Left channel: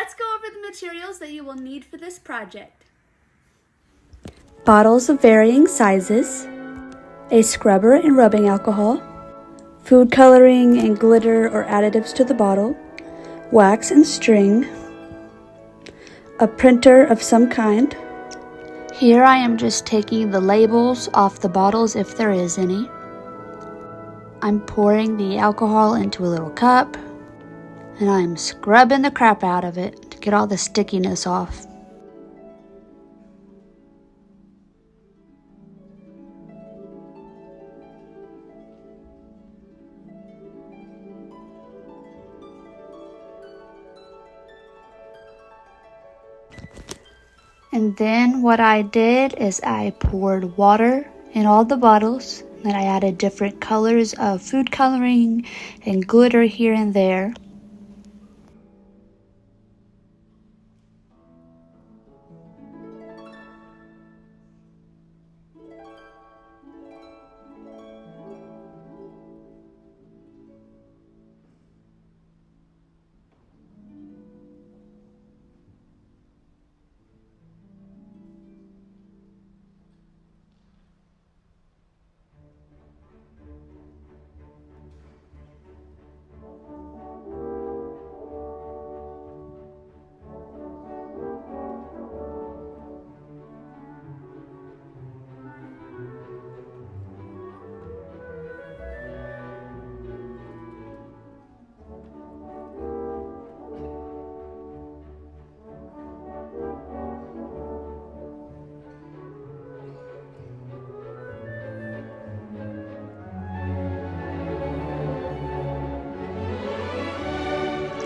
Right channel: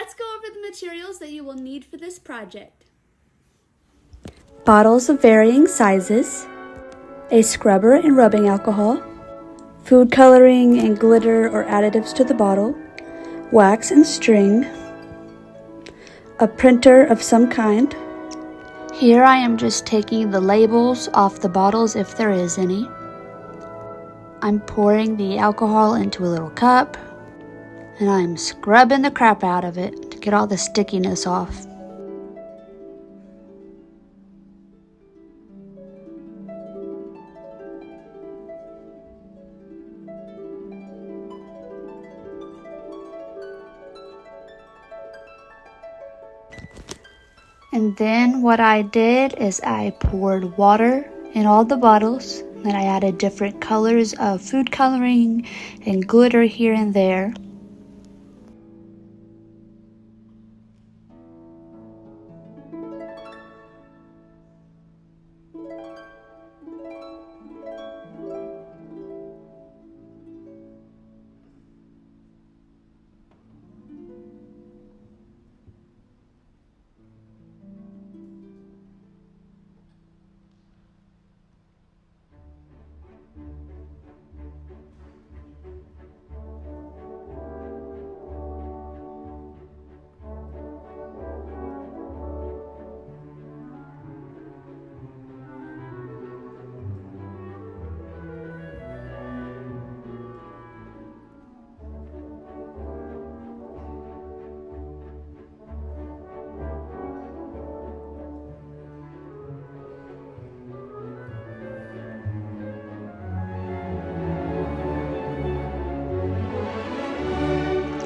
let's go over the materials that you will need for this project. Bottles of varying sizes, a scrubber and rubbing alcohol, food coloring and glitter or additives to the bottle, wax and string, a printer of some kind. Here I am just taking the labels off the bottles if there is any. I'm pouring the alcohol into a little cup and I'm scrubbing the crap out of it to get all the stickiness off. And then what I did is I poured water in all the bottles. Then I added different colors of food coloring and glitter here and there.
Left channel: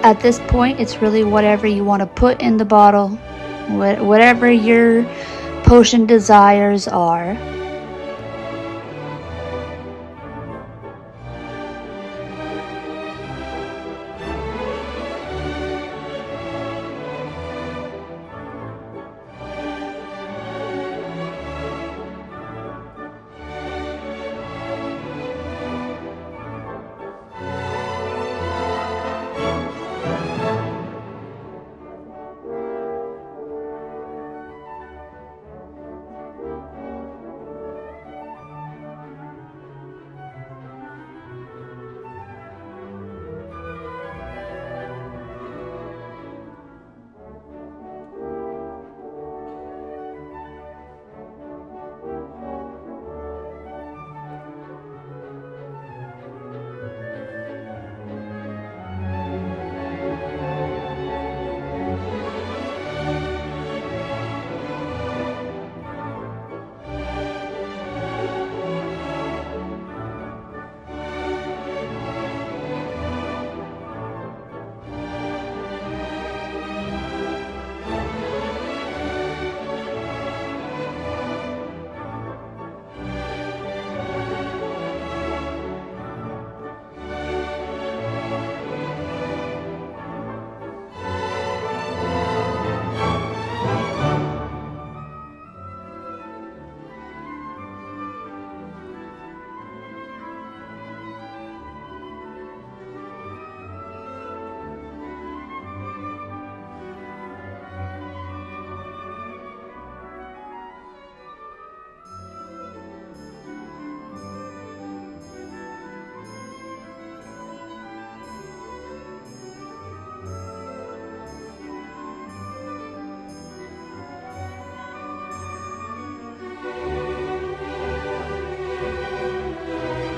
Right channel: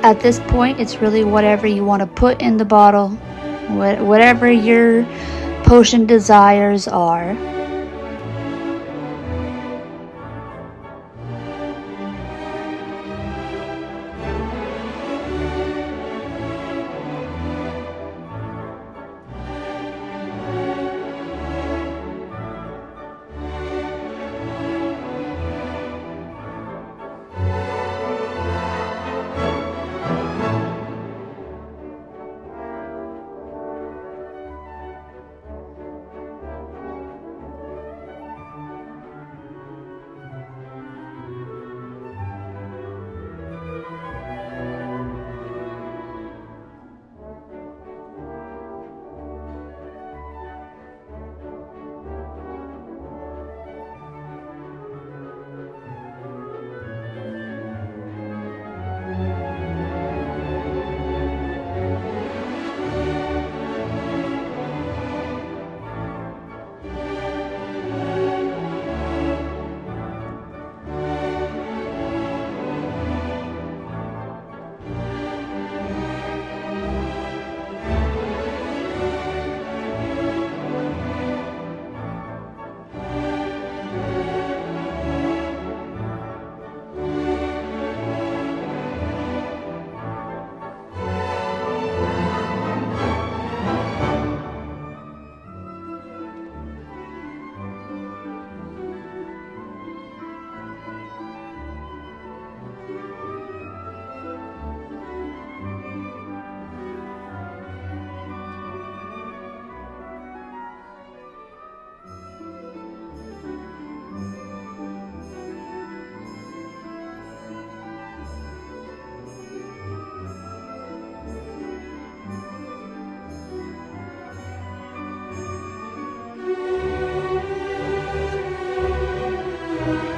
At this point, it's really whatever you want to put in the bottle, whatever your potion desires are.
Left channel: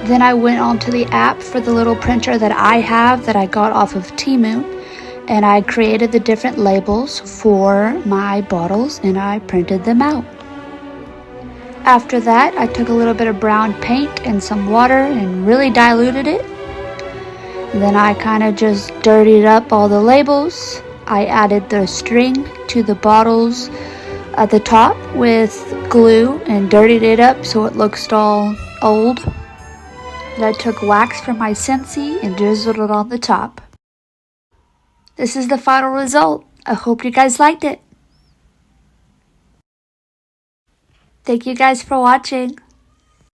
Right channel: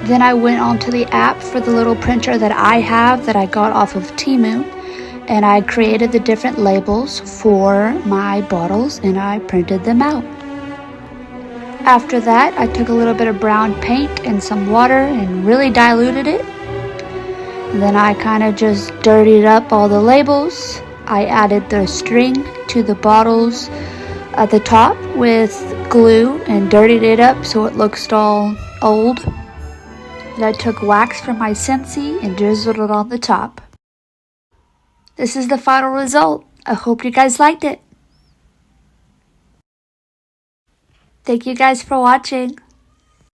Then I went onto the app for the little printer that I have that I got off of Temu, and I created the different labels for my bottles and I printed them out. After that, I took a little bit of brown paint and some water and really diluted it. And then I kind of just dirtied up all the labels. I added the string to the bottles at the top with glue and dirtied it up so it looks all old. And I took wax from my Scentsy and drizzled it on the top. This is the final result. I hope you guys liked it. Thank you guys for watching.